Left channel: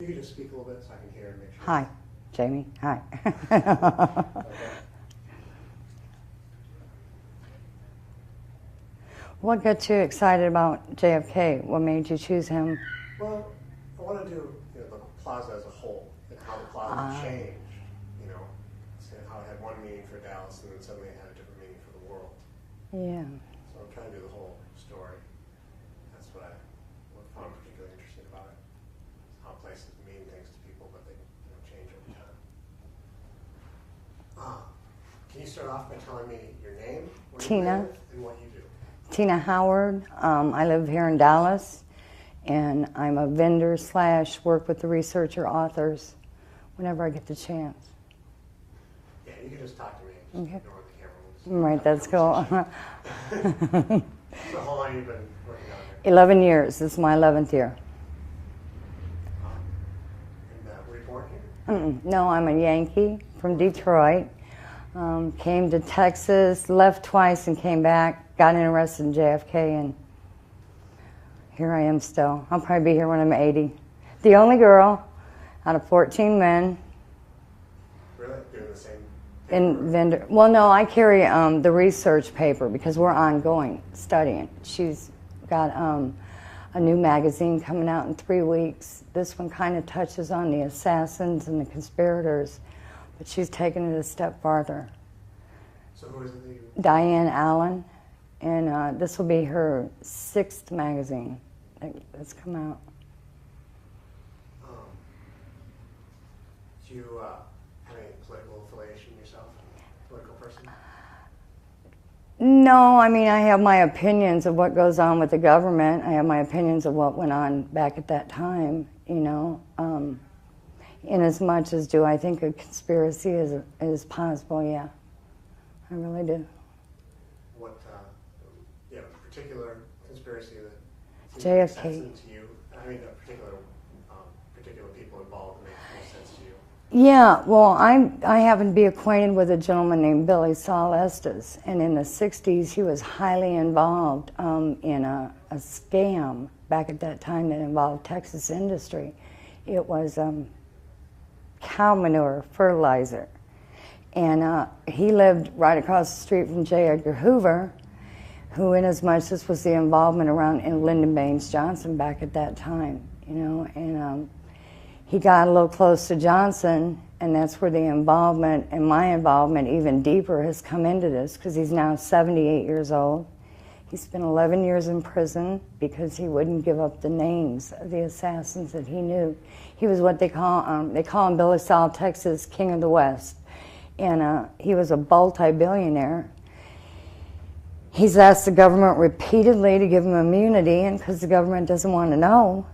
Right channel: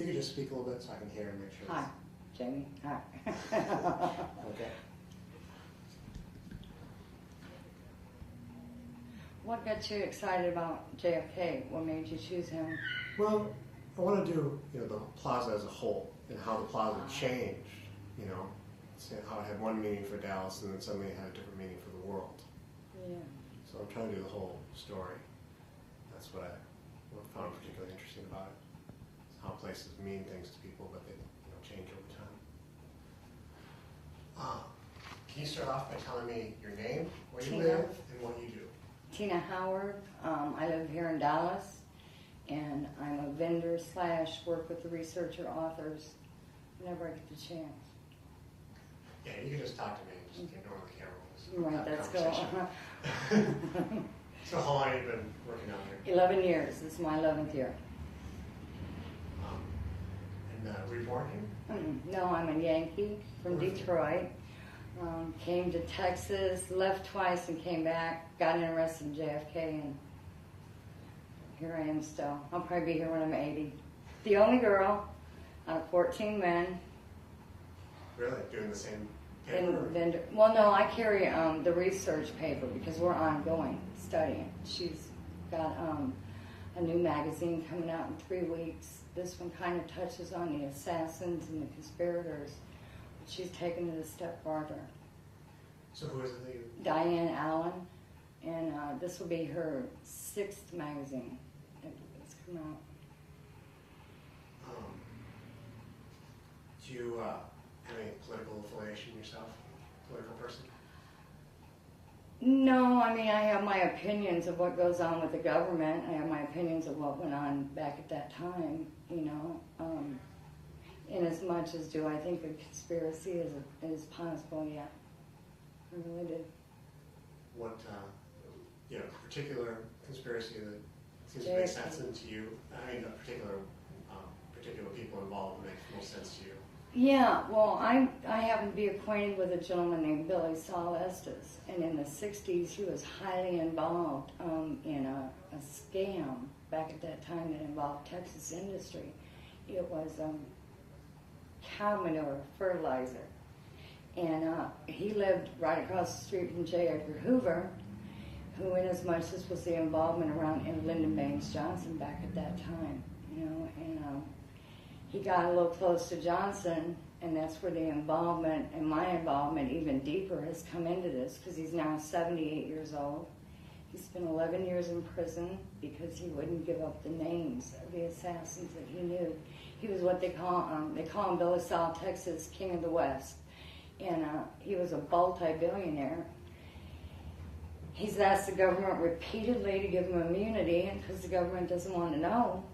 If you could just speak a little bit so I can hear and make sure. Hi, Jamie. Hi. Okay. What got you excited about JFK? What made you choose him? Well, I want to do the plaza as a whole and how the plaza changed. So how it had one meaning for Dallas and then suddenly it had a different meaning for the world. Yeah. So I'm trying to do the whole story. That's what I found particularly interesting about it. It's how places mean things to people, but they change over time. Can you start off by telling me your name, where you Teanna. live, and what you do? Teanna Howard. I live here in Dallas, and I'm a vendor / work with the researcher authors whenever I get the chance. Yeah, you can just talk to me. Just Okay. ignore the camera. Right, that's cool. So how long have you been working out here? 11 years. This is my 11th year. Were you born here? No, I'm a Yankee from Detroit. Came to Texas, left twice and came back, got interested in JFK, and here I am still. I'll probably be here when I'm 80. The only girl out of 14 men. Really? Doing the same In paper? vendor. Well, no, I carry the research paper because we're ongoing studying. She's got a new magazine coming out in 3 weeks. This one kind of touches on the assassins and the conspirators, but she's taken it a step farther. So who is it that you... Diane Allen, and this will be her 6th magazine that's come out. Do you have any political affiliation yourself? Political person? No, I mean, I have my opinions of what goes on with the government. I have my opinions of what went on back at that time, in as much as do I think a conspiracy is possible, yeah. I really do. What, particular conspiracy that JFK. makes sense to you? I mean, particular people involved make most sense to you? Yeah, well, I happen to be acquainted with a gentleman named Billy Saul Estes, and in the 60s he was highly involved in a scam back at that time that involved Texas industry. It was cow manure fertilizer, and he lived right across the street from J. Edgar Hoover, who, in as much as was the involvement around in Lyndon Baines Johnson back at that time, and he got a little close to Johnson, and that's where the involvement and my involvement even deeper has come into this, because he's now 78 years old. He spent 11 years in prison because he wouldn't give up the names of the assassins that he knew. He was what they call him Billy Saul, Texas, King of the West. And he was a multi-billionaire. He's asked the government repeatedly to give him immunity, and because the government doesn't want to know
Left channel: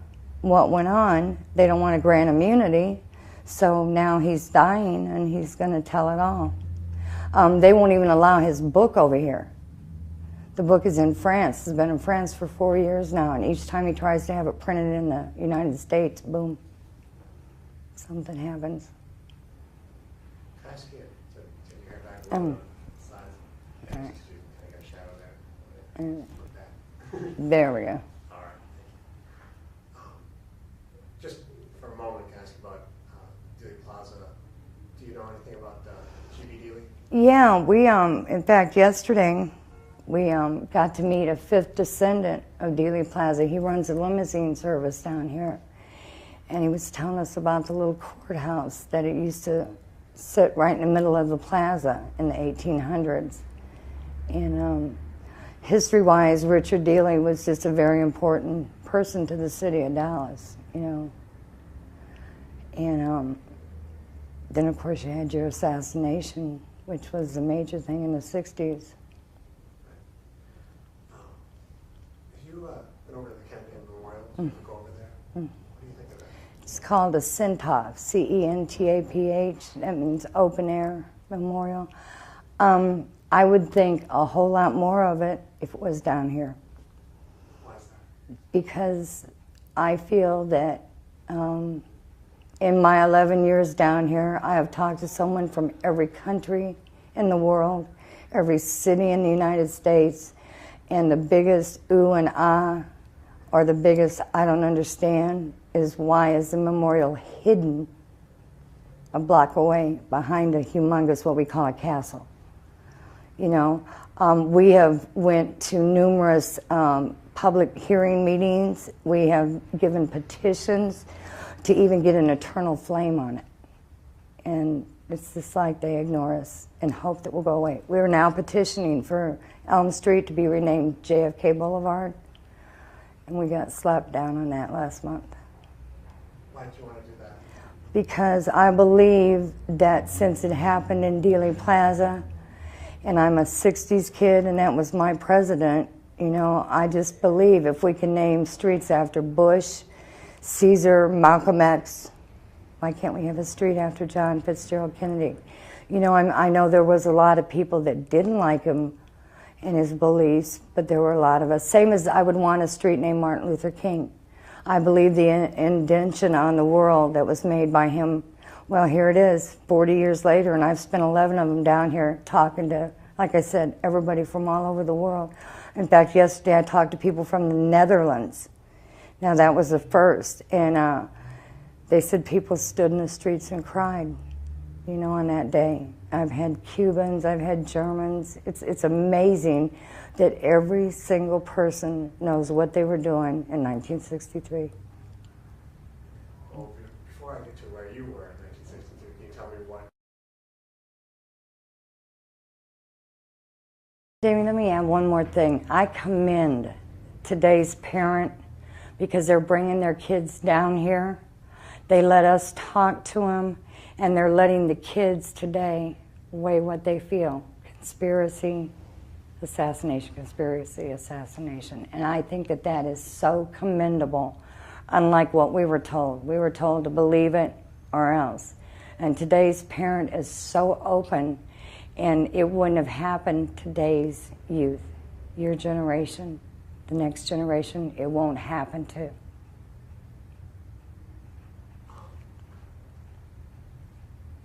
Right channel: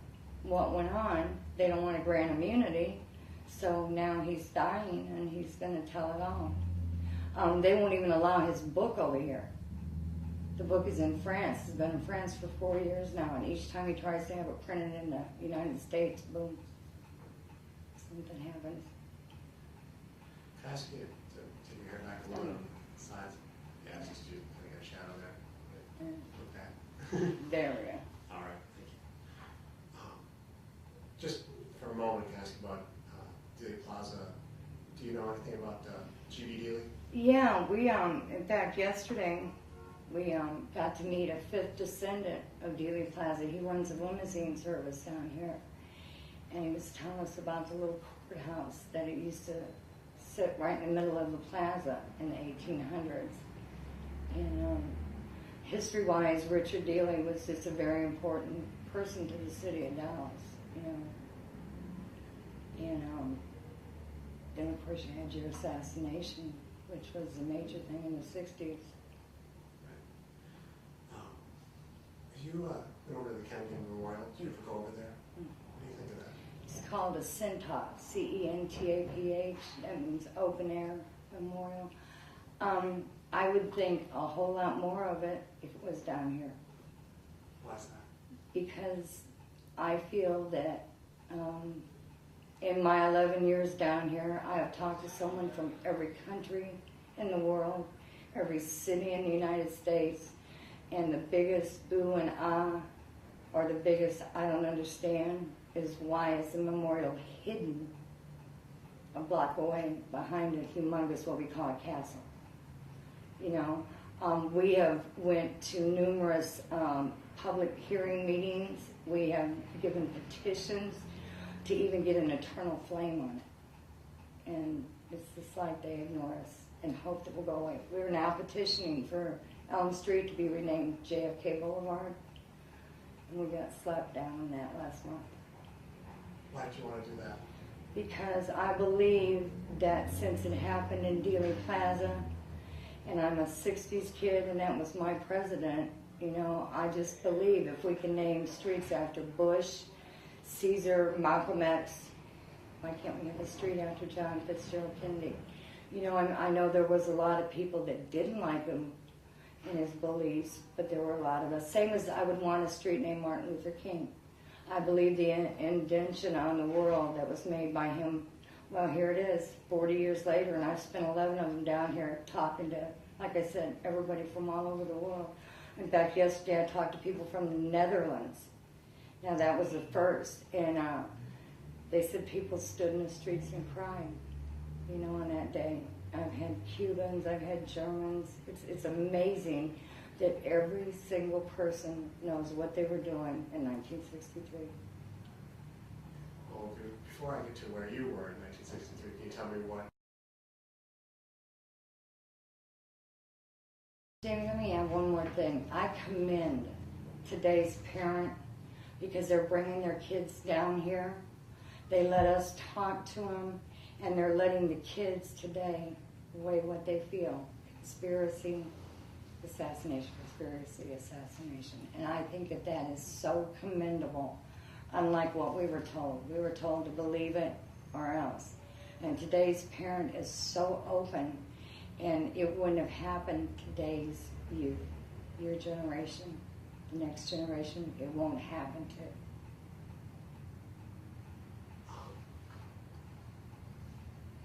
what went on, they don't want to grant immunity. So now he's dying, and he's going to tell it all. They won't even allow his book over here. The book is in France. It's been in France for 4 years now, and each time he tries to have it printed in the United States, boom, something happens. Can I ask you to take your hair back a little bit? Size. Yeah, All right. just do kind of got a shadow there. Like that. There we go. All right, thank you. Just for a moment, can I ask you about Dealey Plaza? Do you know anything about Judy Dealey? Yeah, we, in fact, yesterday, we got to meet a 5th descendant of Dealey Plaza. He runs a limousine service down here. And he was telling us about the little courthouse that it used to sit right in the middle of the plaza in the 1800s. And history-wise, Richard Dealey was just a very important person to the city of Dallas, And then, of course, you had your assassination, which was the major thing in the 60s. If you went over to the Kennedy Memorial, so you go over there, what do you think of that? It's called a CENTAPH, C-E-N-T-A-P-H. That means open air memorial. I would think a whole lot more of it if it was down here. Why's that? Because I feel that in my 11 years down here, I have talked to someone from every country in the world, every city in the United States, and the biggest ooh and ah, or the biggest I don't understand, is why is the memorial hidden a block away behind a humongous, what we call a castle. You know, we have went to numerous public hearing meetings. We have given petitions to even get an eternal flame on it. And it's just like they ignore us and hope that we'll go away. We're now petitioning for Elm Street to be renamed JFK Boulevard. And we got slapped down on that last month. Why did you want to do that? Because I believe that since it happened in Dealey Plaza, and I'm a 60s kid and that was my president, you know, I just believe if we can name streets after Bush, Caesar, Malcolm X, why can't we have a street after John Fitzgerald Kennedy? You know, I know there was a lot of people that didn't like him and his beliefs, but there were a lot of us. Same as I would want a street named Martin Luther King. I believe the indention on the world that was made by him, well, here it is, 40 years later, and I've spent 11 of them down here talking to, like I said, everybody from all over the world. In fact, yesterday I talked to people from the Netherlands. Now, that was the first, and they said people stood in the streets and cried, you know, on that day. I've had Cubans, I've had Germans. It's amazing that every single person knows what they were doing in 1963. Well, before I get to where you were in 1963, can you tell me what? Jamie, let me add one more thing. I commend today's parent because they're bringing their kids down here. They let us talk to them, and they're letting the kids today weigh what they feel. Conspiracy, assassination, conspiracy, assassination. And I think that that is so commendable, unlike what we were told. We were told to believe it or else. And today's parent is so open, and it wouldn't have happened today's youth. Your generation, the next generation, it won't happen to.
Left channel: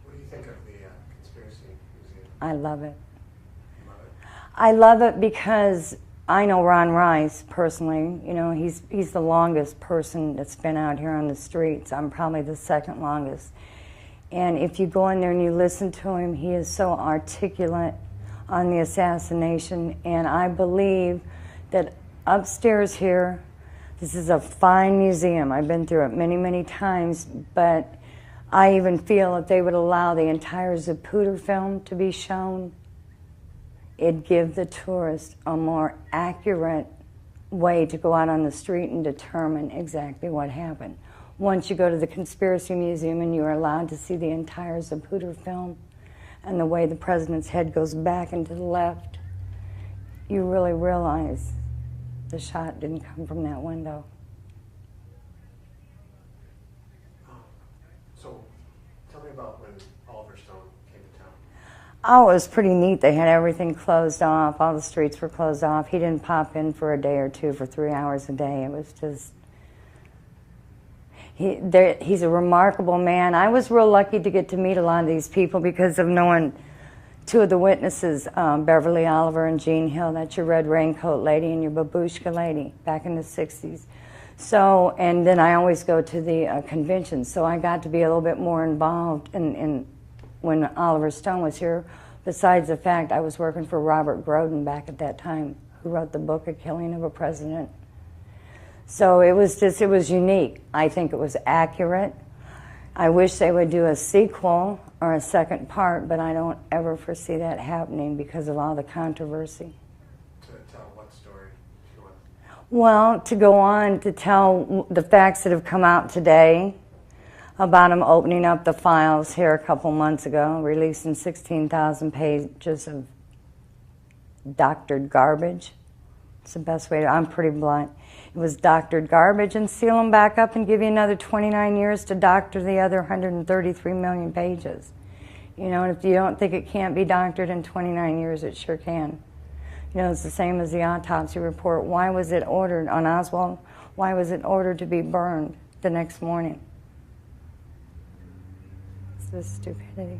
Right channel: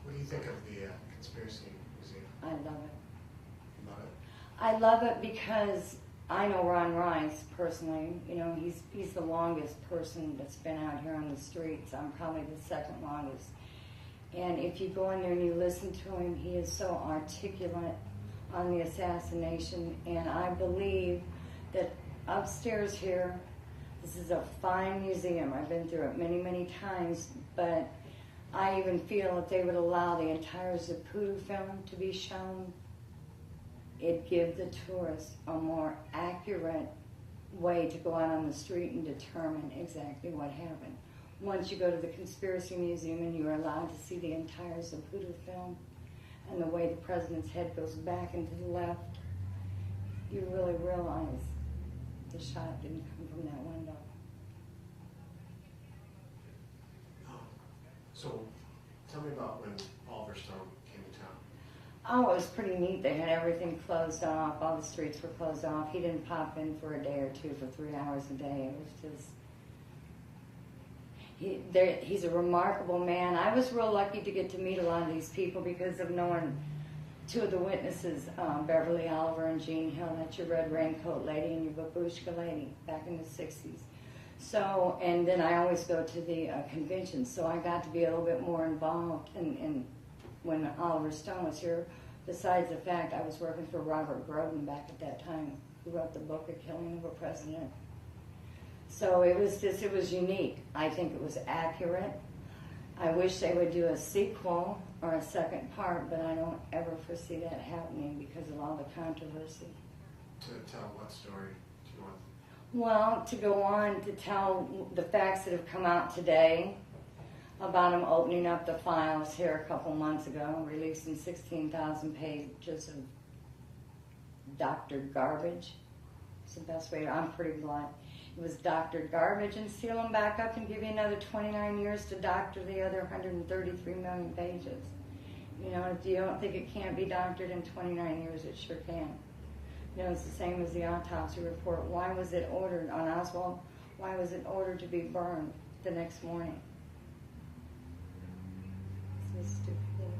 What do you think of the Conspiracy Museum? I love it. You love it? I love it because I know Ron Rice personally. You know, he's the longest person that's been out here on the streets. I'm probably the second longest. And if you go in there and you listen to him, he is so articulate on the assassination. And I believe that upstairs here, this is a fine museum. I've been through it many, many times, but I even feel if they would allow the entire Zapruder film to be shown, it'd give the tourist a more accurate way to go out on the street and determine exactly what happened. Once you go to the Conspiracy Museum and you are allowed to see the entire Zapruder film and the way the president's head goes back and to the left, you really realize the shot didn't come from that window. So, tell me about when Oliver Stone came to town. Oh, it was pretty neat. They had everything closed off. All the streets were closed off. He didn't pop in for a day or two for 3 hours a day. It was just... He's a remarkable man. I was real lucky to get to meet a lot of these people because of knowing two of the witnesses, Beverly Oliver and Jean Hill. That's your red raincoat lady and your babushka lady back in the 60s. So, and then I always go to the conventions, so I got to be a little bit more involved in when Oliver Stone was here, besides the fact I was working for Robert Groden back at that time, who wrote the book, A Killing of a President. So it was unique. I think it was accurate. I wish they would do a sequel or a second part, but I don't ever foresee that happening because of all the controversy. To tell what story do you want? Well, to go on to tell the facts that have come out today about him opening up the files here a couple months ago, releasing 16,000 pages of doctored garbage. It's the best way to, I'm pretty blunt. It was doctored garbage, and seal them back up and give you another 29 years to doctor the other 133 million pages. You know, if you don't think it can't be doctored in 29 years, it sure can. You know, it's the same as the autopsy report. Why was it ordered on Oswald? Why was it ordered to be burned the next morning? It's just stupidity.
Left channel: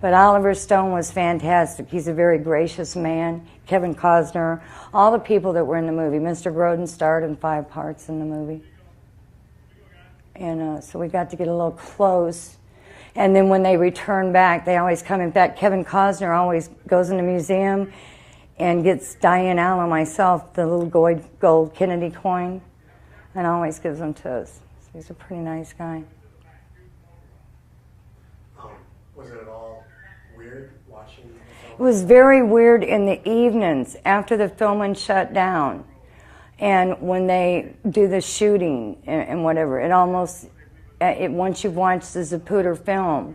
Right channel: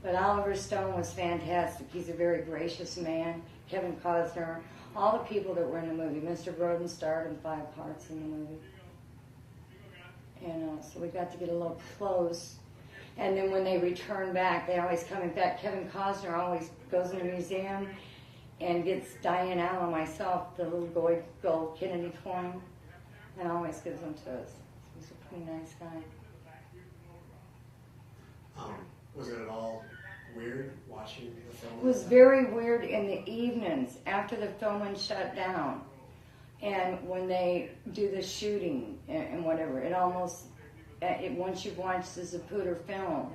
But Oliver Stone was fantastic. He's a very gracious man. Kevin Costner, all the people that were in the movie. Mr. Groden starred in 5 parts in the movie. And so we got to get a little close. And then when they return back, they always coming back. Kevin Costner always goes in the museum and gets Diane Allen, myself, the little gold Kennedy coin, and always gives them to us. So he's a pretty nice guy. Was it at all weird watching the film? It was very weird in the evenings after the filming shut down. And when they do the shooting and whatever, it almost, once you've watched the Zapruder film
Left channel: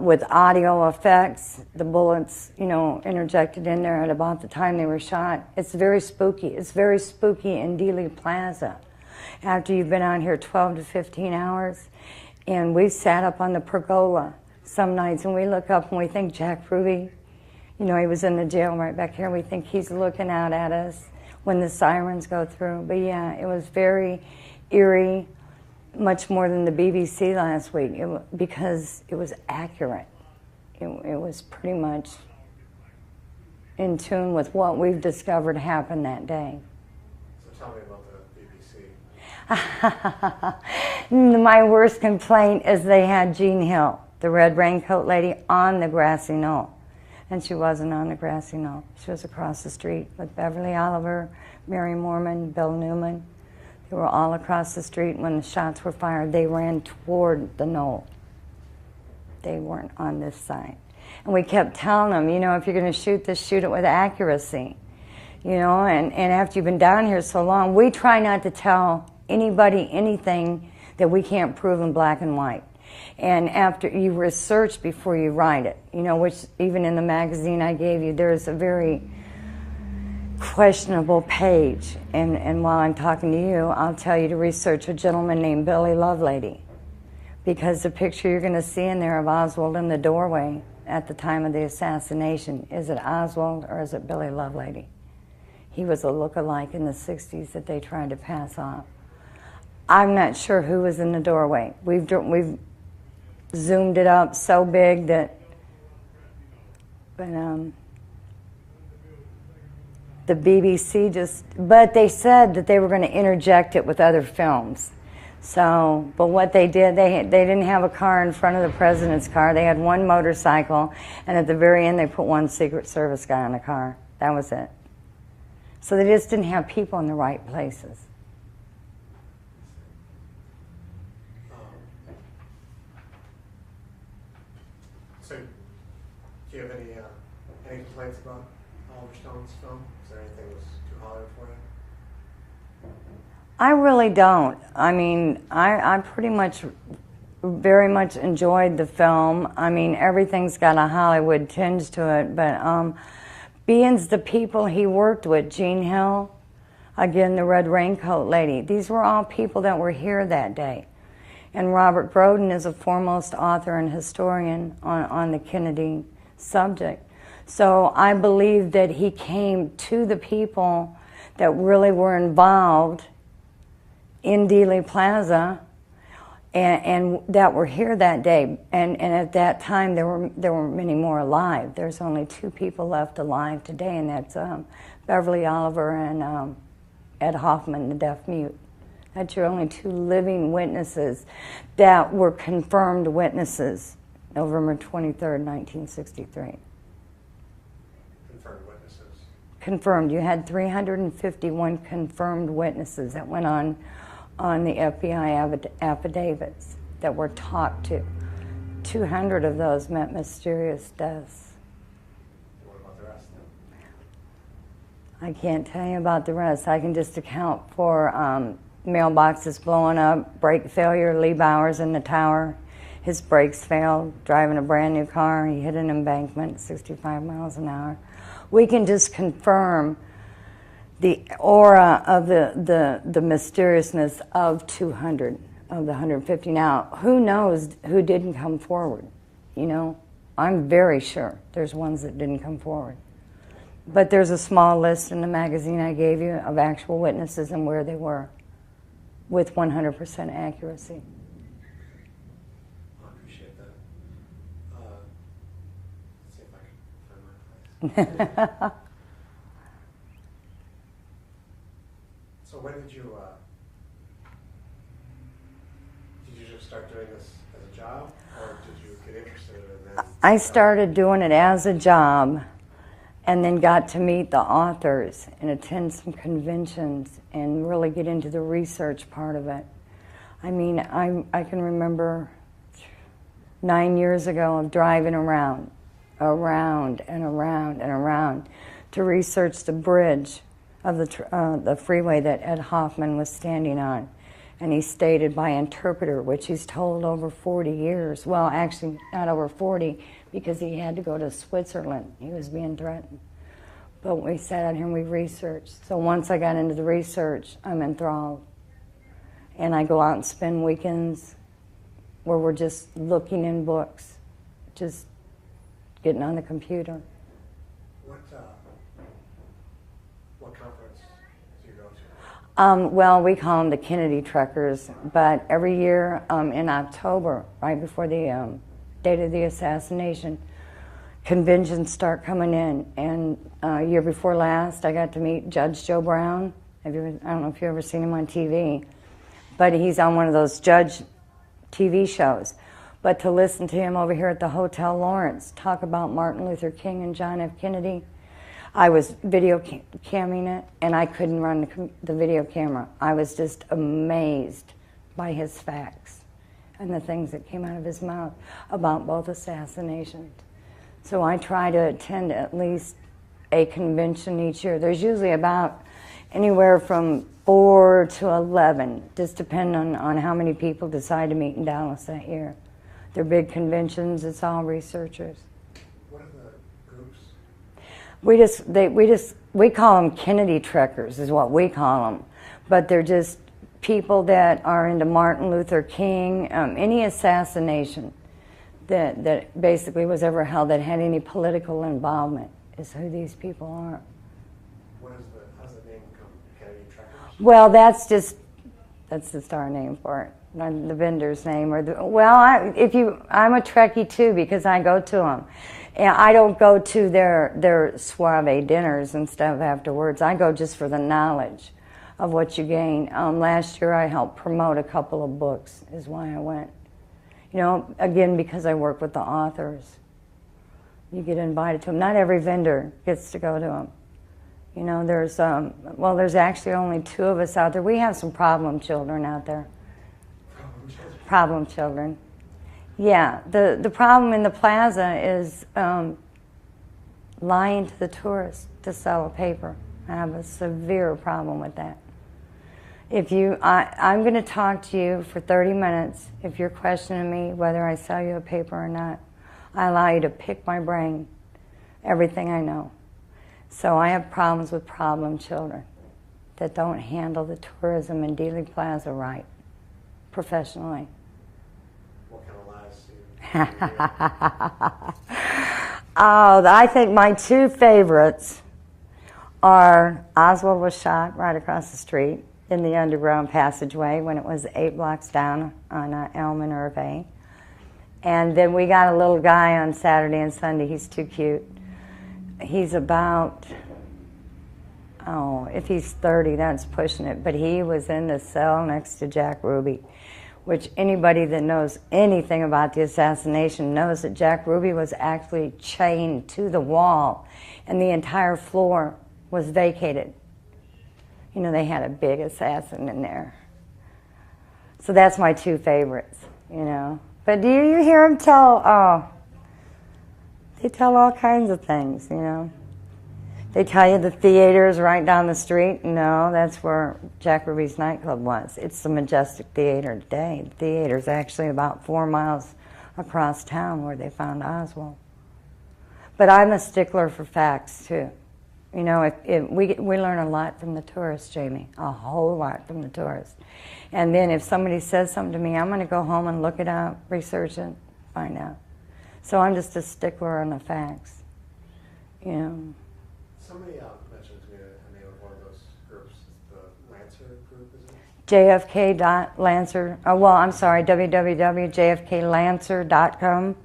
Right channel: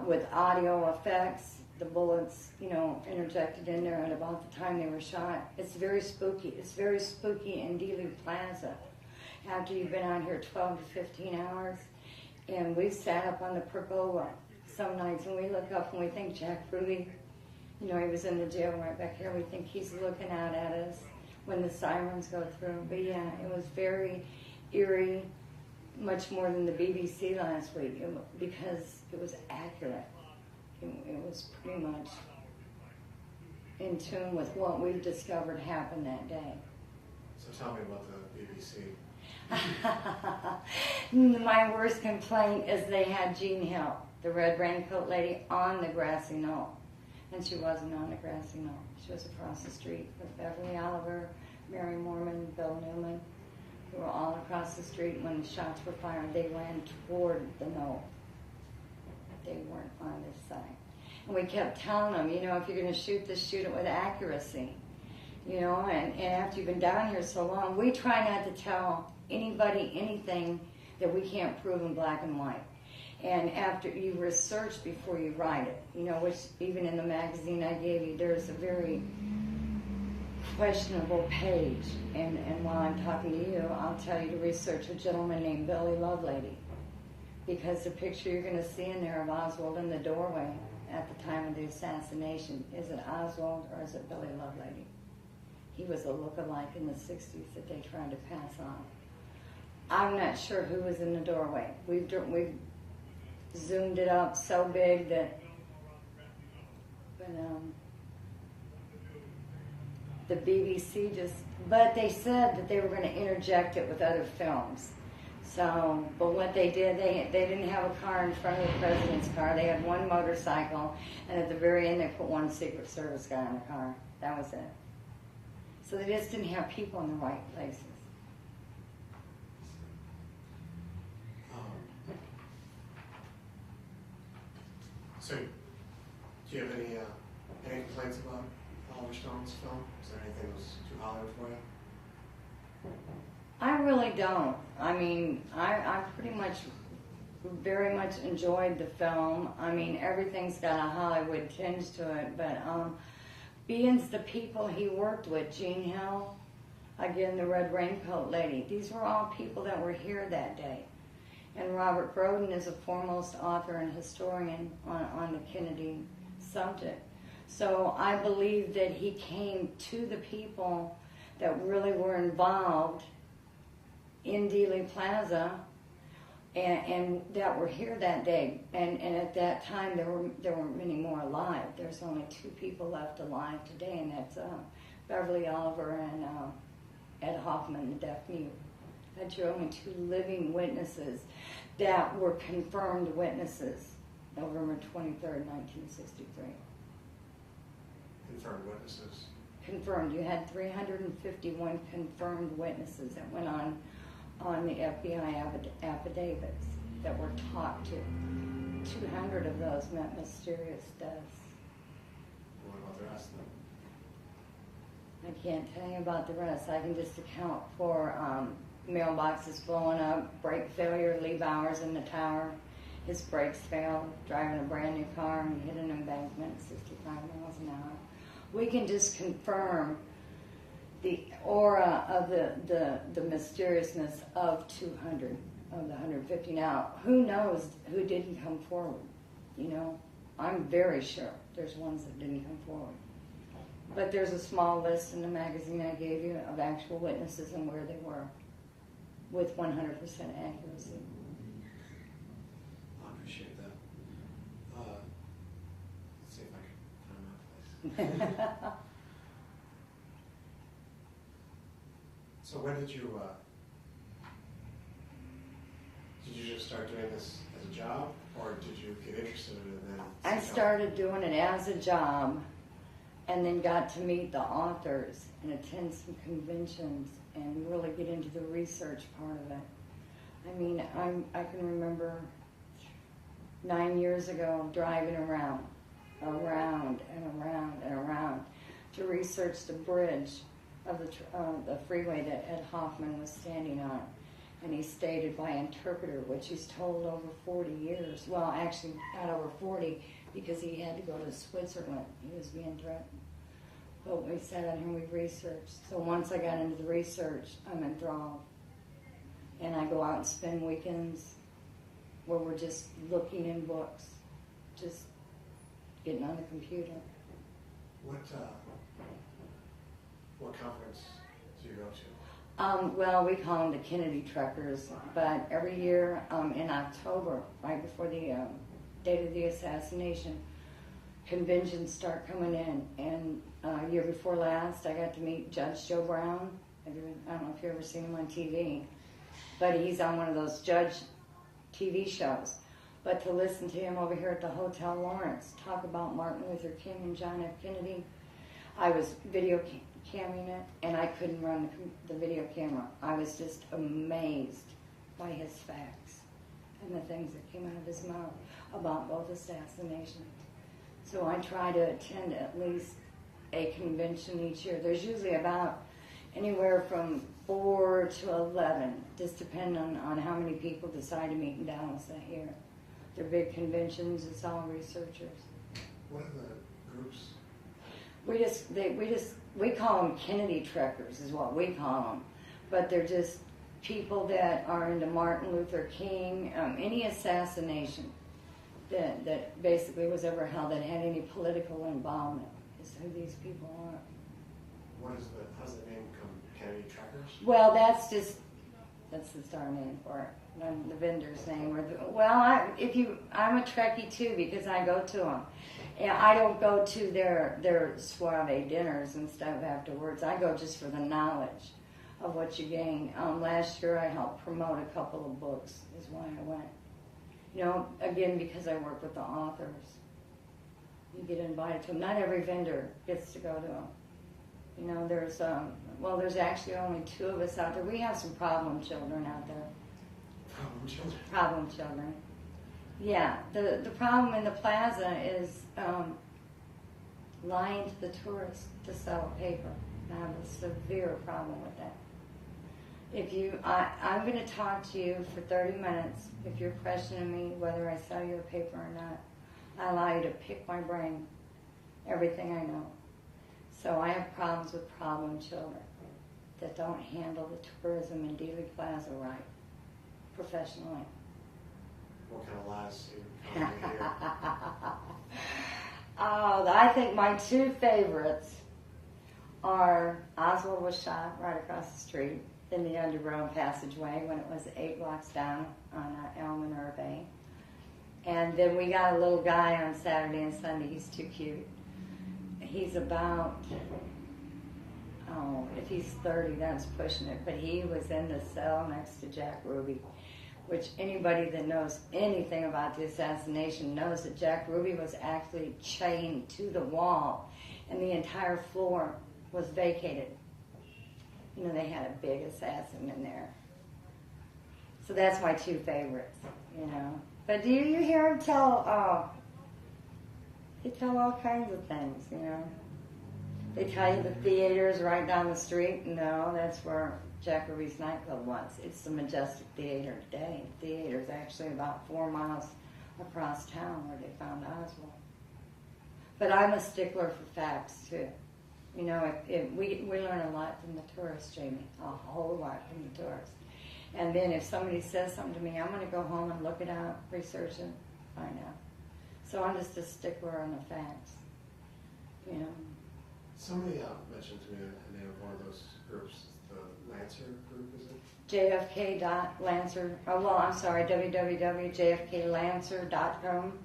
with audio effects, the bullets, interjected in there at about the time they were shot, it's very spooky. It's very spooky in Dealey Plaza. After you've been out here 12 to 15 hours, and we sat up on the pergola some nights, and we look up and we think Jack Ruby, he was in the jail right back here. We think he's looking out at us when the sirens go through. But yeah, it was very eerie, much more than the BBC last week, because it was accurate. It was pretty much in tune with what we've discovered happened that day. So tell me about the BBC. My worst complaint is they had Jean Hill, the red raincoat lady, on the grassy knoll. And she wasn't on the grassy knoll. She was across the street with Beverly Oliver, Mary Mormon, Bill Newman. They were all across the street. When the shots were fired, they ran toward the knoll. They weren't on this side. And we kept telling them, if you're going to shoot this, shoot it with accuracy. And after you've been down here so long, we try not to tell anybody anything that we can't prove in black and white. And after you research before you write it, which even in the magazine I gave you, there's a very questionable page. And while I'm talking to you, I'll tell you to research a gentleman named Billy Lovelady, because the picture you're going to see in there of Oswald in the doorway at the time of the assassination, is it Oswald or is it Billy Lovelady? He was a look-alike in the 60s that they tried to pass off. I'm not sure who was in the doorway. We've zoomed it up so big that, but the BBC but they said that they were going to interject it with other films. So, but what they did, they didn't have a car in front of the president's car. They had one motorcycle, and at the very end they put one Secret Service guy on the car. That was it. So they just didn't have people in the right places. So, do you have any complaints about Oliver Stone's film? Is there anything that was too Hollywood for you? I really don't. I mean, I pretty much, very much enjoyed the film. I mean, everything's got a Hollywood tinge to it, but being the people he worked with, Jean Hill, again, the red raincoat lady, these were all people that were here that day. And Robert Broden is a foremost author and historian on the Kennedy subject. So I believe that he came to the people that really were involved in Dealey Plaza and that were here that day. And at that time, there were many more alive. There's only 2 people left alive today, and that's Beverly Oliver and Ed Hoffman, the deaf mute. That's your only 2 living witnesses that were confirmed witnesses, November 23rd, 1963. Confirmed witnesses? Confirmed. You had 351 confirmed witnesses that went on the FBI affidavits that were talked to. 200 of those met mysterious deaths. What about the rest of them? I can't tell you about the rest. I can just account for mailboxes blowing up, brake failure, Lee Bowers in the tower. His brakes failed, driving a brand new car. He hit an embankment at 65 miles an hour. We can just confirm the aura of the mysteriousness of 200 of the 150. Now, who knows who didn't come forward? I'm very sure there's ones that didn't come forward. But there's a small list in the magazine I gave you of actual witnesses and where they were, with 100% accuracy. I appreciate that. Let's see if I can find my place. So when did you just start doing this as a job, or did you get interested and then? I started doing it as a job, and then got to meet the authors and attend some conventions and really get into the research part of it. I mean, I can remember 9 years ago of driving around to research the bridge of the freeway that Ed Hoffman was standing on. And he stated by interpreter, which he's told over 40 years. Well, actually, not over 40, because he had to go to Switzerland. He was being threatened. But we sat out here and we researched. So once I got into the research, I'm enthralled. And I go out and spend weekends where we're just looking in books, just getting on the computer. What conference do you go to? Well, we call them the Kennedy Trekkers, but every year in October, right before the date of the assassination, conventions start coming in. And year before last, I got to meet Judge Joe Brown. I don't know if you've ever seen him on TV, but he's on one of those judge TV shows. But to listen to him over here at the Hotel Lawrence talk about Martin Luther King and John F. Kennedy, I was video camming it, and I couldn't run the video camera. I was just amazed by his facts and the things that came out of his mouth about both assassinations. So I try to attend at least a convention each year. There's usually about anywhere from 4 to 11, just depending on how many people decide to meet in Dallas that year. They're big conventions. It's all researchers. What are the groups? We call them Kennedy Trekkers, is what we call them. But they're just people that are into Martin Luther King, any assassination that basically was ever held that had any political involvement is who these people are. How's the name come, Kennedy Trekkers? Well, that's just our name for it. Not the vendor's name I'm a Trekkie too, because I go to them. And I don't go to their soiree dinners and stuff afterwards. I go just for the knowledge of what you gain. Last year I helped promote a couple of books, is why I went. You know, again, because I work with the authors. You get invited to them. Not every vendor gets to go to them. You know, there's actually only 2 of us out there. We have some problem children out there. Problem children. Yeah, the problem in the plaza is lying to the tourists to sell a paper. I have a severe problem with that. I'm going to talk to you for 30 minutes. If you're questioning me whether I sell you a paper or not, I allow you to pick my brain, everything I know. So I have problems with problem children that don't handle the tourism in Dealey Plaza right, professionally. What kind of lies do you Oh, I think my 2 favorites are Oswald was shot right across the street in the underground passageway when it was 8 blocks down on Elm and Irvay. And then we got a little guy on Saturday and Sunday. He's too cute. He's about, if he's 30, that's pushing it. But he was in the cell next to Jack Ruby, which anybody that knows anything about the assassination knows that Jack Ruby was actually chained to the wall, and the entire floor was vacated. You know, they had a big assassin in there. So that's my 2 favorites, you know. But do you hear them tell, they tell all kinds of things, you know. They tell you the theater's right down the street. No, that's where Jack Ruby's nightclub was. It's the Majestic Theater today. The theater's actually about 4 miles across town where they found Oswald. But I'm a stickler for facts, too. You know, we learn a lot from the tourists, Jamie, a whole lot from the tourists. And then if somebody says something to me, I'm going to go home and look it up, research it, find out. So I'm just a stickler on the facts, you know. Somebody mentioned to me the name of one of those groups, the Lancer group, is it? JFK.Lancer, www.jfklancer.com,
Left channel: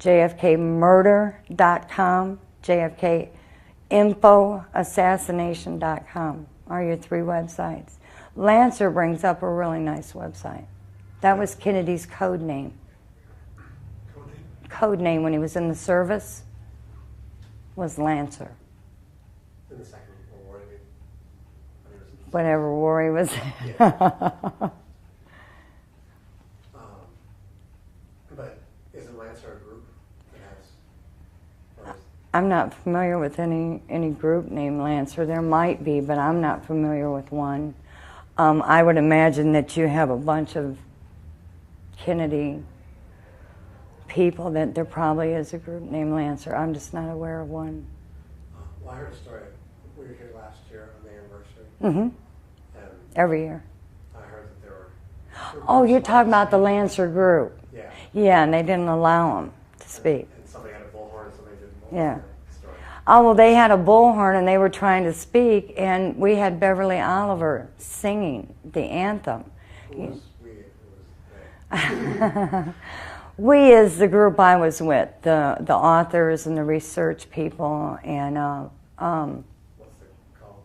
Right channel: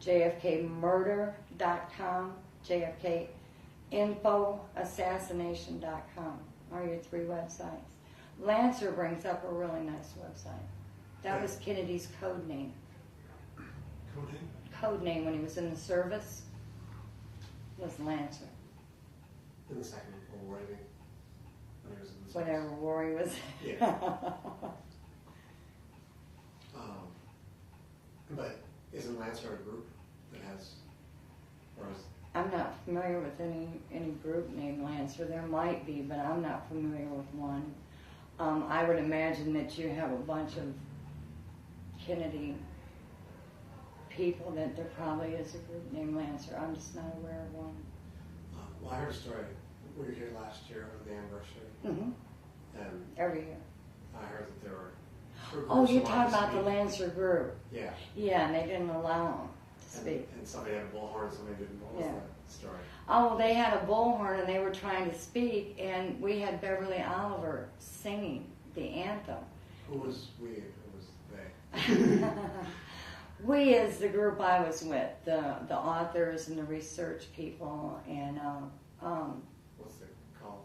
jfkmurder.com, jfkinfoassassination.com are your 3 websites. Lancer brings up a really nice website That was Kennedy's code name. Code name when he was in the service was Lancer. In the Second World War, I mean. Whatever war he was in. Yeah. But isn't Lancer a group that has? Or is, I'm not familiar with any group named Lancer. There might be, but I'm not familiar with one. I would imagine that you have a bunch of Kennedy people, that there probably is a group named Lancer. I'm just not aware of one. well, I heard a story. We were here last year on the anniversary. Mm-hmm. And Every year. I heard that there were. Oh, you're talking about the Lancer group. Yeah. Yeah, and they didn't allow them to speak. And somebody had a bullhorn and somebody didn't. What Yeah. was that story? Oh, well, they had a bullhorn and they were trying to speak, and we had Beverly Oliver singing the anthem. Who was we? Who was they? We is the group I was with, the authors and the research people, and What's it called?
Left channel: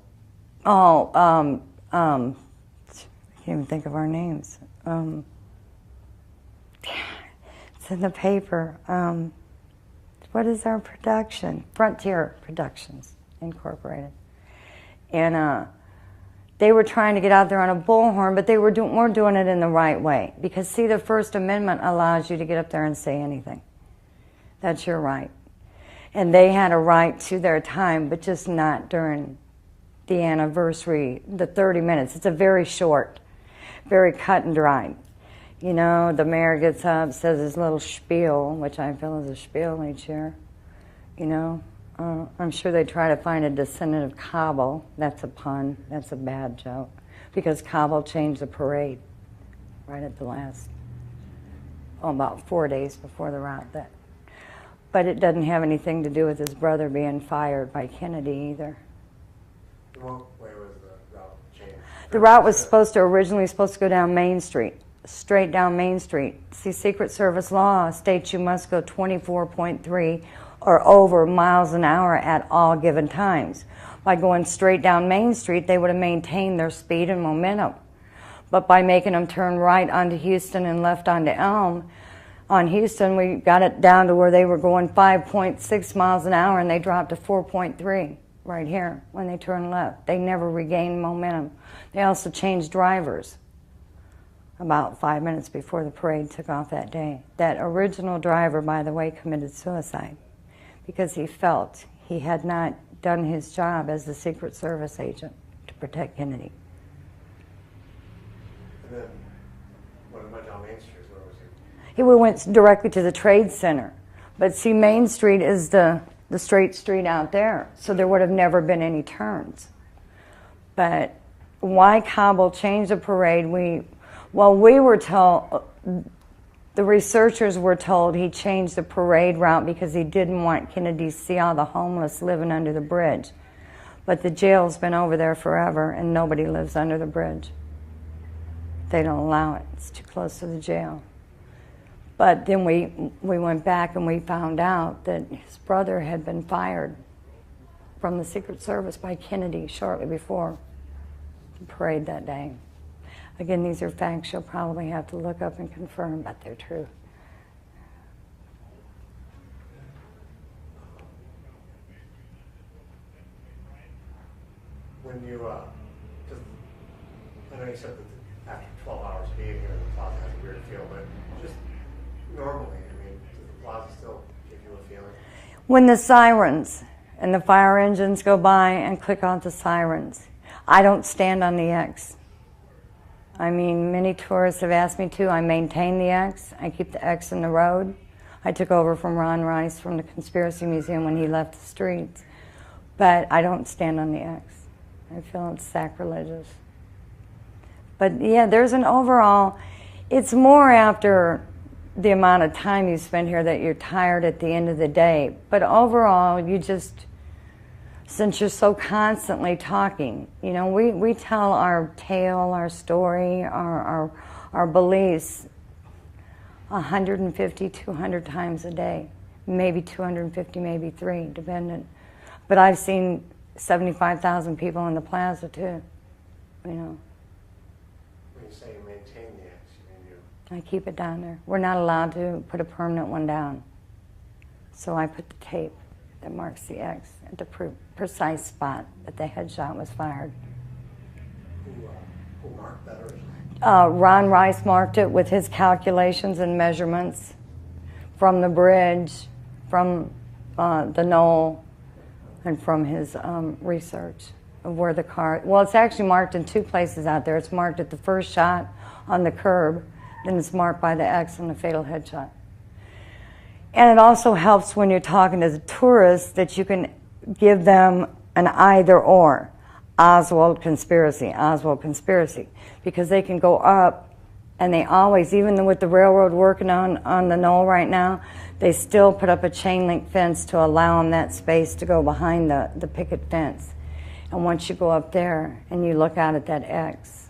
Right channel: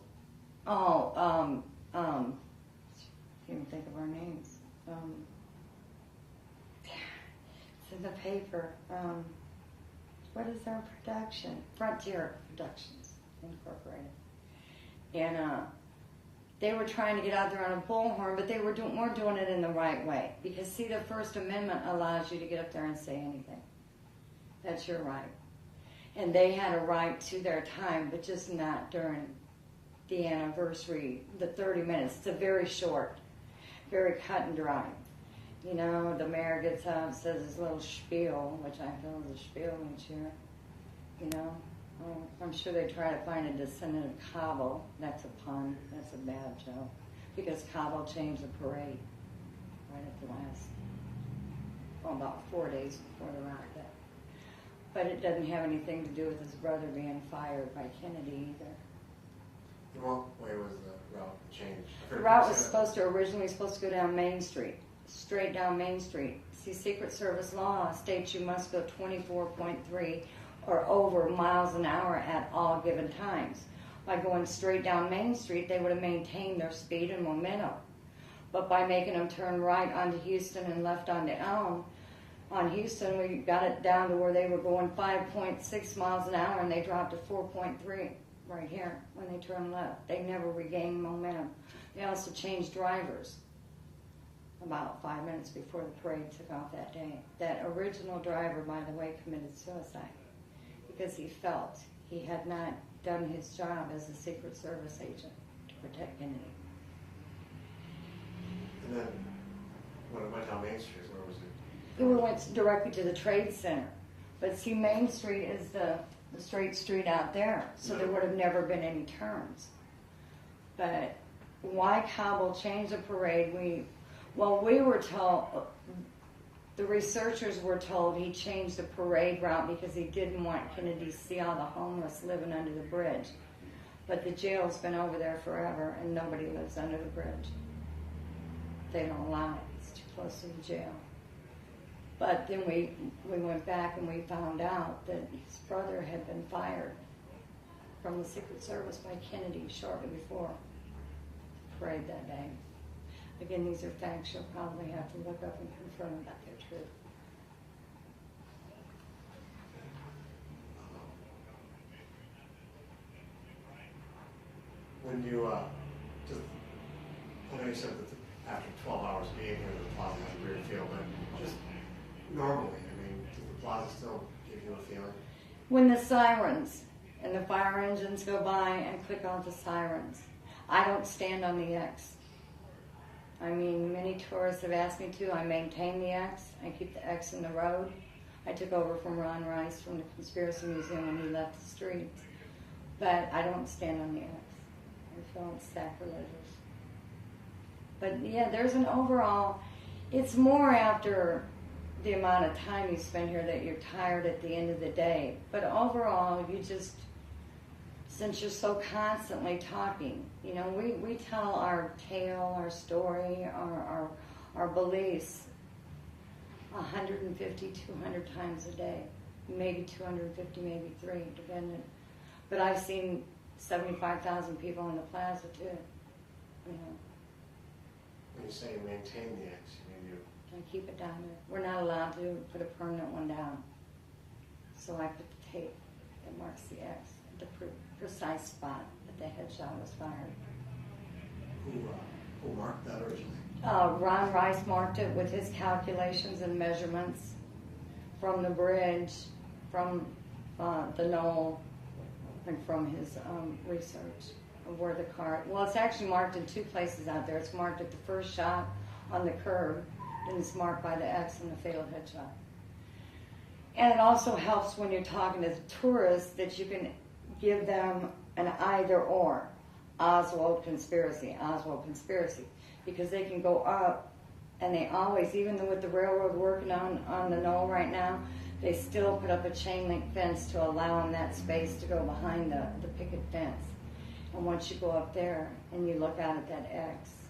I can't even think of our names. It's in the paper. What is our production? Frontier Productions Incorporated. And they were trying to get out there on a bullhorn, but they weren't doing it in the right way. Because, see, the First Amendment allows you to get up there and say anything. That's your right. And they had a right to their time, but just not during the anniversary, the 30 minutes. It's a very short, very cut and dry. You know, the mayor gets up, says his little spiel, which I feel is a spiel each year. You know, I'm sure they try to find a descendant of Kabul. That's a pun. That's a bad joke. Because Kabul changed the parade right at the last, about 4 days before the rout. But it doesn't have anything to do with his brother being fired by Kennedy either. What way was the route changed? The route was originally supposed to go down Main Street, straight down Main Street. See, Secret Service law states you must go 24.3 or over miles an hour at all given times. By going straight down Main Street, they would have maintained their speed and momentum. But by making them turn right onto Houston and left onto Elm, on Houston, we got it down to where they were going 5.6 miles an hour, and they dropped to 4.3 right here when they turned left. They never regained momentum. They also changed drivers about 5 minutes before the parade took off that day. That original driver, by the way, committed suicide because he felt he had not done his job as the Secret Service agent to protect Kennedy. And then when it went down Main Street, where was it? He went directly to the Trade Center. But see, Main Street is the straight street out there, so there would have never been any turns. But why Kabul changed the parade, we were told, the researchers were told he changed the parade route because he didn't want Kennedy to see all the homeless living under the bridge. But the jail's been over there forever, and nobody lives under the bridge. They don't allow it. It's too close to the jail. But then we went back and we found out that his brother had been fired from the Secret Service by Kennedy shortly before the parade that day. Again, these are facts you'll probably have to look up and confirm, but they're true. When you, I know you said that after 12 hours being here, the plaza has a weird feel, but just normally, I mean, does the plaza still give you a feeling? When the sirens and the fire engines go by and click on the sirens, I don't stand on the X. I mean, many tourists have asked me to. I maintain the X. I keep the X in the road. I took over from Ron Rice from the Conspiracy Museum when he left the streets. But I don't stand on the X. I feel it's sacrilegious. But yeah, there's an overall, it's more after the amount of time you spend here that you're tired at the end of the day. But overall, you just, since you're so constantly talking, you know, we tell our tale, our story, our beliefs 150, 200 times a day. Maybe 250, maybe 3, depending. But I've seen 75,000 people in the plaza too, you know. When you say you maintain the X, you mean you I keep it down there. We're not allowed to put a permanent one down. So I put the tape that marks the X at the precise spot that the headshot was fired. Who marked that originally? Ron Rice marked it with his calculations and measurements from the bridge, from the knoll, and from his research of where the car... Well, it's actually marked in two places out there. It's marked at the first shot on the curb, then it's marked by the X on the fatal headshot. And it also helps when you're talking to the tourists that you can give them an either or. Oswald conspiracy, because they can go up, and they always, even with the railroad working on the knoll right now, they still put up a chain link fence to allow them that space to go behind the picket fence. And once you go up there and you look out at that X,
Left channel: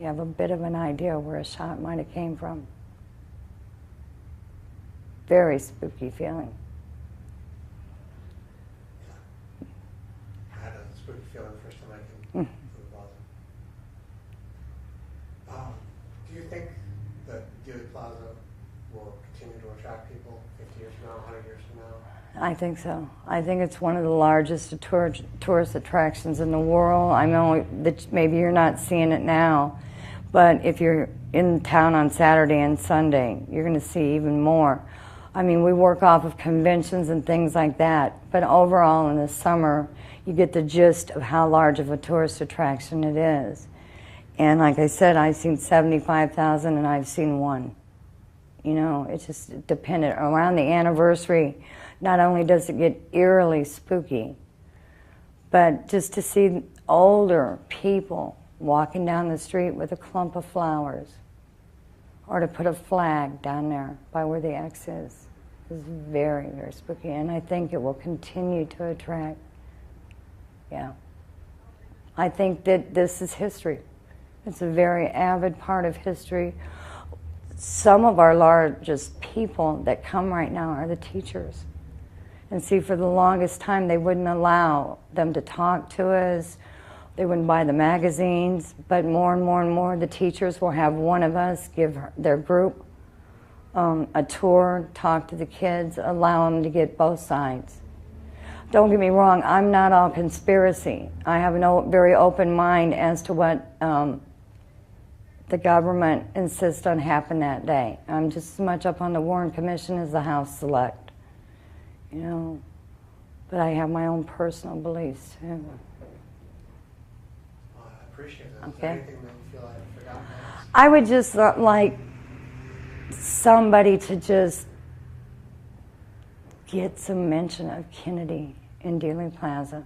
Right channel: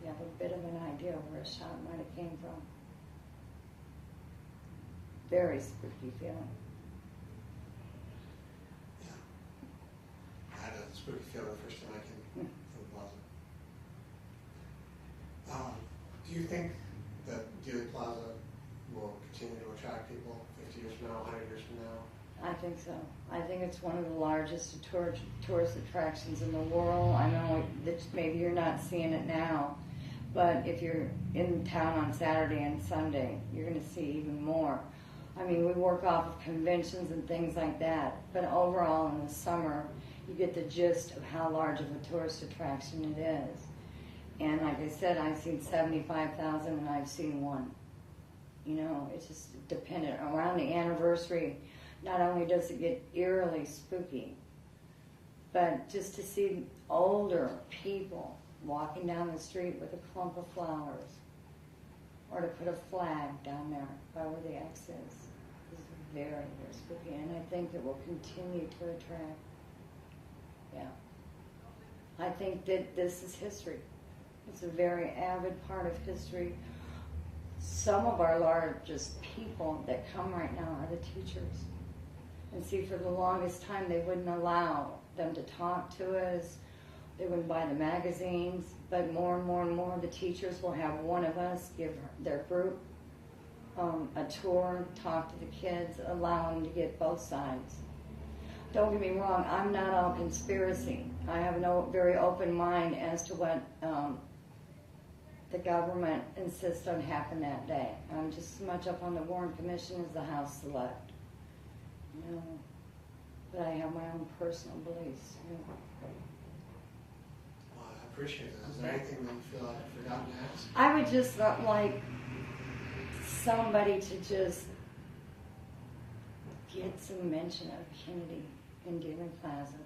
you have a bit of an idea where a shot might have came from. Very spooky feeling. I had a spooky feeling the first time I came to the plaza. Do you think that Dealey Plaza will continue to attract people 50 years from now, 100 years from now? I think so. I think it's one of the largest tourist attractions in the world. I know that maybe you're not seeing it now, but if you're in town on Saturday and Sunday, you're going to see even more. I mean, we work off of conventions and things like that, but overall in the summer, you get the gist of how large of a tourist attraction it is. And like I said, I've seen 75,000 and I've seen one. You know, it's just dependent. Around the anniversary, not only does it get eerily spooky, but just to see older people walking down the street with a clump of flowers, or to put a flag down there by where the X is very, very spooky. And I think it will continue to attract. Yeah. I think that this is history. It's a very avid part of history. Some of our largest people that come right now are the teachers. And see, for the longest time, they wouldn't allow them to talk to us. They wouldn't buy the magazines. But more and more and more, the teachers will have one of us give their group a tour, talk to the kids, allow them to get both sides. Don't get me wrong, I'm not all conspiracy. I have a very open mind as to what the government insists on happen that day. I'm just as much up on the Warren Commission as the House Select, you know. But I have my own personal beliefs too. Well, I appreciate that. Is there anything that you feel I've forgotten to ask? I would just like somebody to just get some mention of Kennedy in Dealey Plaza.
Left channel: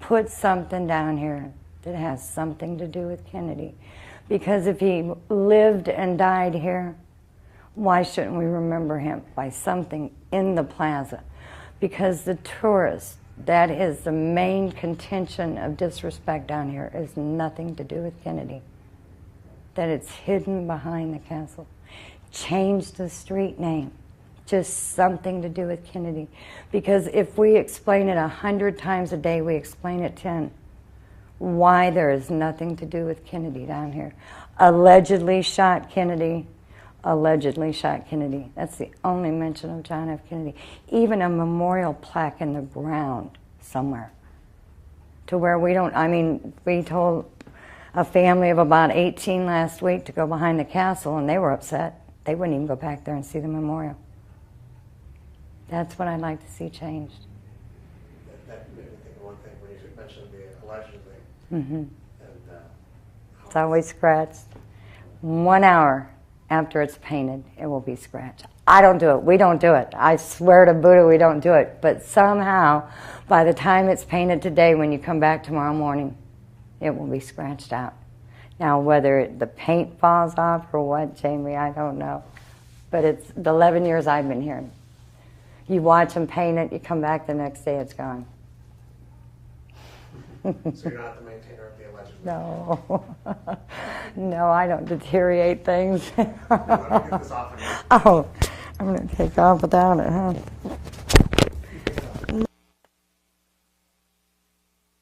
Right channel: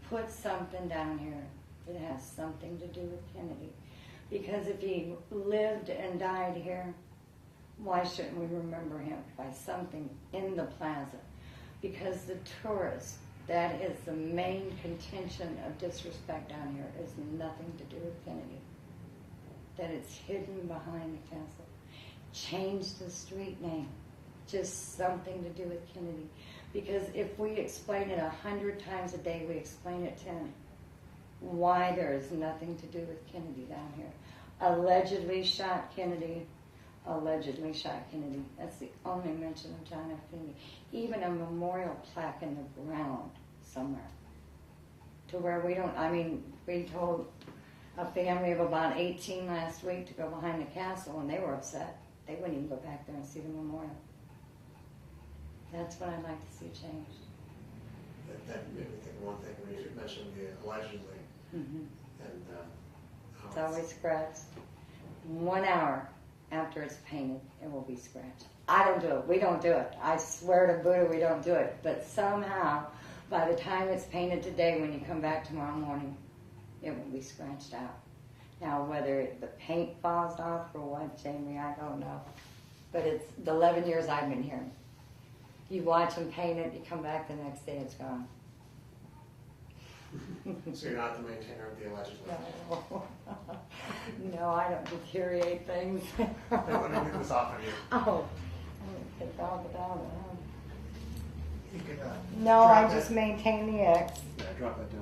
Put something down here that has something to do with Kennedy. Because if he lived and died here, why shouldn't we remember him by something in the plaza? Because the tourists, that is the main contention of disrespect down here, is nothing to do with Kennedy. That it's hidden behind the castle. Change the street name. Just something to do with Kennedy. Because if we explain it 100 times a day, we explain it 10. Why there is nothing to do with Kennedy down here. Allegedly shot Kennedy. Allegedly shot Kennedy. That's the only mention of John F. Kennedy. Even a memorial plaque in the ground somewhere. To where we don't, I mean, we told a family of about 18 last week to go behind the castle, and they were upset. They wouldn't even go back there and see the memorial. That's what I'd like to see changed. That made me think of one thing when you mentioned the allegedly. Mm-hmm. And, it's always scratched. 1 hour after it's painted, it will be scratched. I don't do it. We don't do it. I swear to Buddha we don't do it. But somehow, by the time it's painted today, when you come back tomorrow morning, it will be scratched out. Now, whether the paint falls off or what, Jamie, I don't know. But it's the 11 years I've been here. You watch them paint it, you come back the next day, it's gone. So you're not the maintainer of the allegedly? No. No, I don't deteriorate things. No, I don't get this often. Oh, I'm going to take off without it, huh? No, I Drop just it. maintain the X. Yeah, drop that down.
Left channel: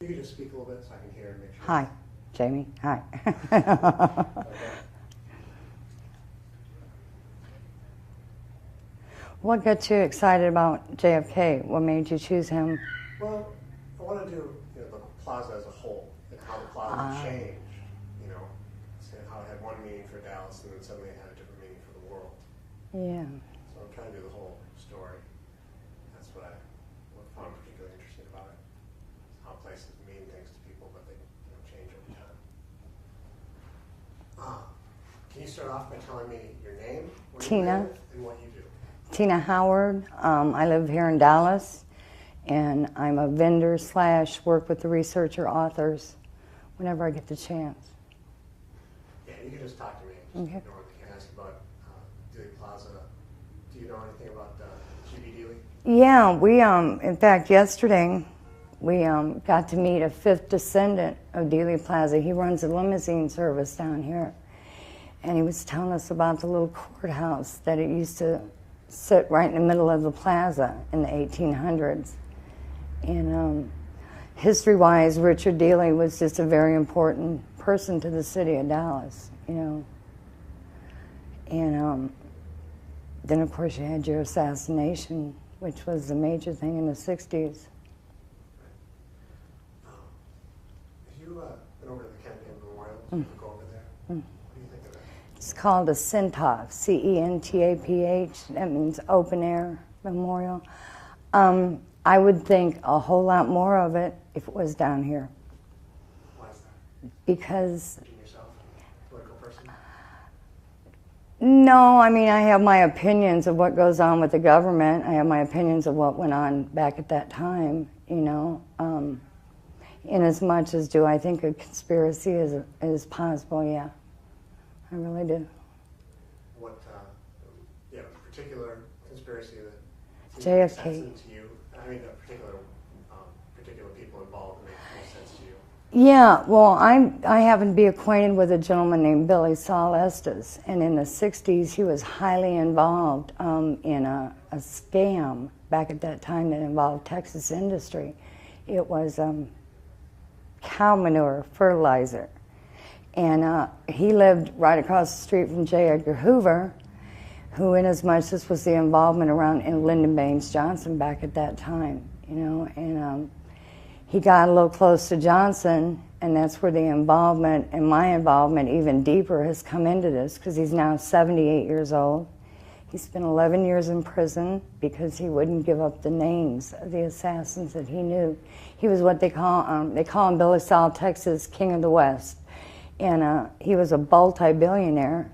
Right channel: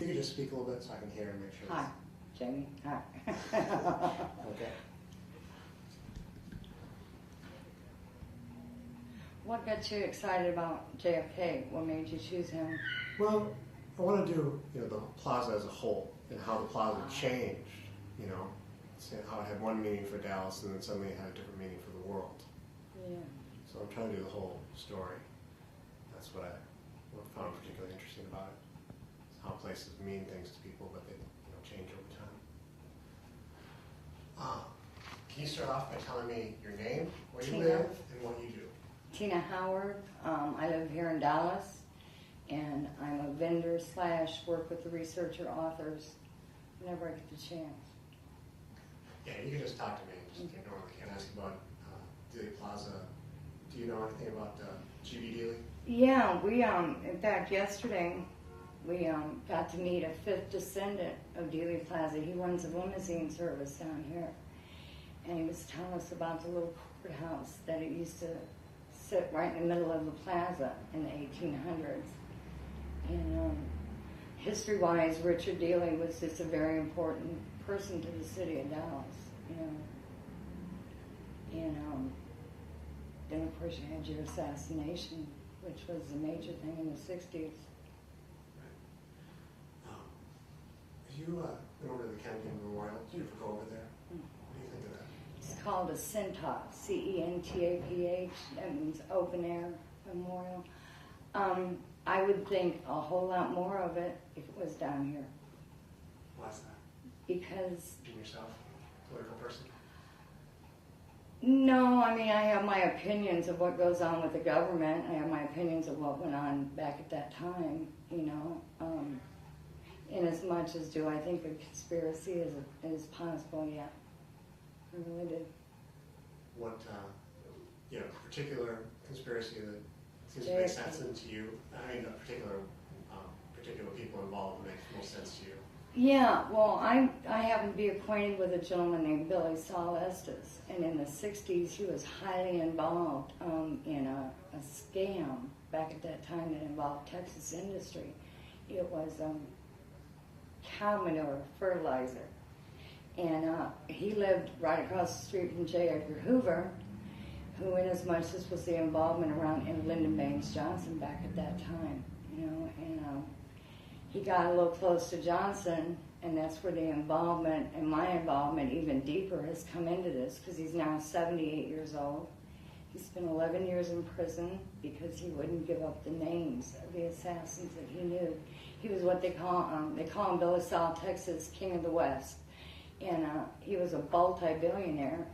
You could just speak a little bit so I can hear and make sure. Hi, Jamie. Hi. Okay. What got you excited about JFK? What made you choose him? Well, I want to do the plaza as a whole and how the plaza changed. How it had one meaning for Dallas and then suddenly it had a different meaning for the world. Yeah. So I'm trying to do the whole story. That's what I found particularly interesting about it. How places mean things to people, but they change over time. Can you start off by telling me your name, where Teanna. you live, and what you do? Teanna Howard. I live here in Dallas, and I'm a vendor / work with the researcher authors whenever I get the chance. Yeah, you can just talk to me. Okay. I can ask about Dealey Plaza. Do you know anything about G.B. Dealey? Yeah, we in fact yesterday we got to meet a fifth descendant of Dealey Plaza. He runs a limousine service down here, and he was telling us about the little courthouse that it used to sit right in the middle of the plaza in the 1800s. And history-wise, Richard Dealey was just a very important person to the city of Dallas, And then, of course, you had your assassination, which was the major thing in the 60s. Have you been over to the Kennedy Memorial? Did you ever go over there? What do you think of that? It's called a Centaph, CENTAPH. That means open air memorial. I would think a whole lot more of it if it was down here. Why is that? Because, Being yourself, a political person? no, I mean, I have my opinions of what goes on with the government. I have my opinions of what went on back at that time, In as much as do I think a conspiracy is possible, yeah. I really do. What, particular conspiracy that seems JFK. to make sense to you? I mean, particular people involved that make most sense to you. Yeah, well, I happen to be acquainted with a gentleman named Billy Estes, and in the 60s he was highly involved in a scam back at that time that involved Texas industry. It was cow manure fertilizer. And he lived right across the street from J. Edgar Hoover, who, inasmuch this was the involvement around in Lyndon Baines Johnson back at that time, and he got a little close to Johnson, and that's where the involvement and my involvement even deeper has come into this, because he's now 78 years old. He spent 11 years in prison because he wouldn't give up the names of the assassins that he knew. He was what they call him Billy Saul, Texas, King of the West. And he was a multi-billionaire.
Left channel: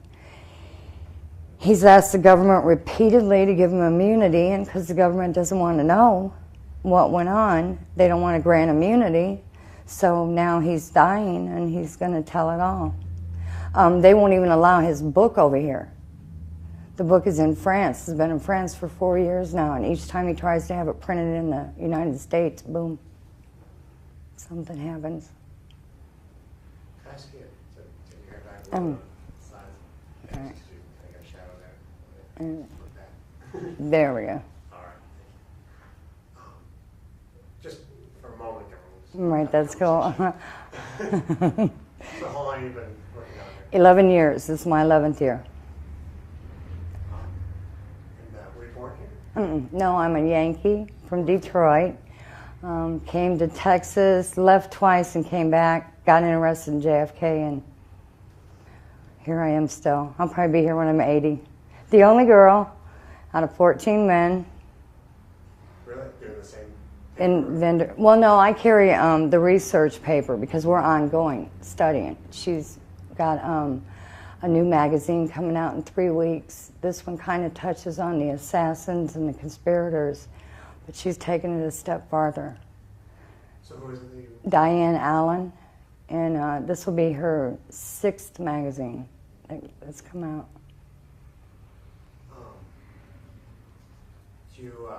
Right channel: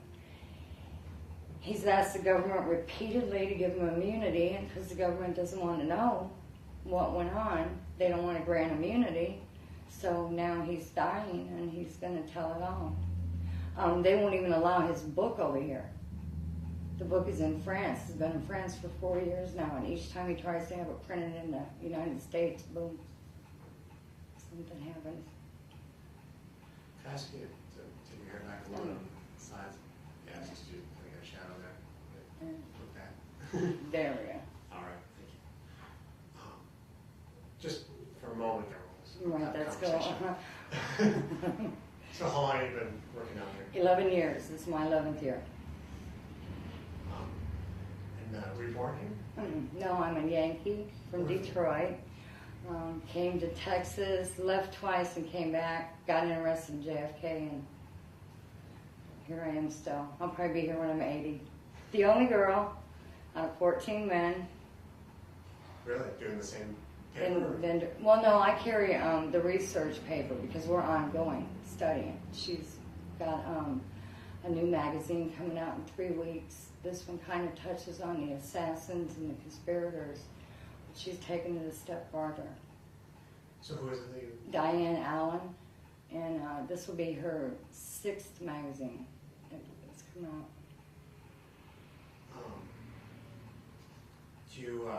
He's asked the government repeatedly to give him immunity, and because the government doesn't want to know what went on, they don't want to grant immunity. So now he's dying, and he's going to tell it all. They won't even allow his book over here. The book is in France. It's been in France for 4 years now, and each time he tries to have it printed in the United States, boom, something happens. Can I ask you to take your hair back a little bit? Size. Yeah, Alright. just to kind of get a shadow there. Like that. There we go. All right, thank you. Just for a moment, Right, that's cool. So how long have you been working on here? 11 years. This is my 11th year. And were you born here? No, I'm a Yankee from Detroit. Came to Texas, left twice and came back, got interested in JFK, and here I am still. I'll probably be here when I'm 80. The only girl out of 14 men. Really? Doing the same? Vendor. Well, no, I carry the research paper because we're ongoing studying. She's got a new magazine coming out in 3 weeks. This one kind of touches on the assassins and the conspirators, but she's taken it a step farther. So who is it that you... Diane Allen, and this will be her 6th magazine that's come out. Do you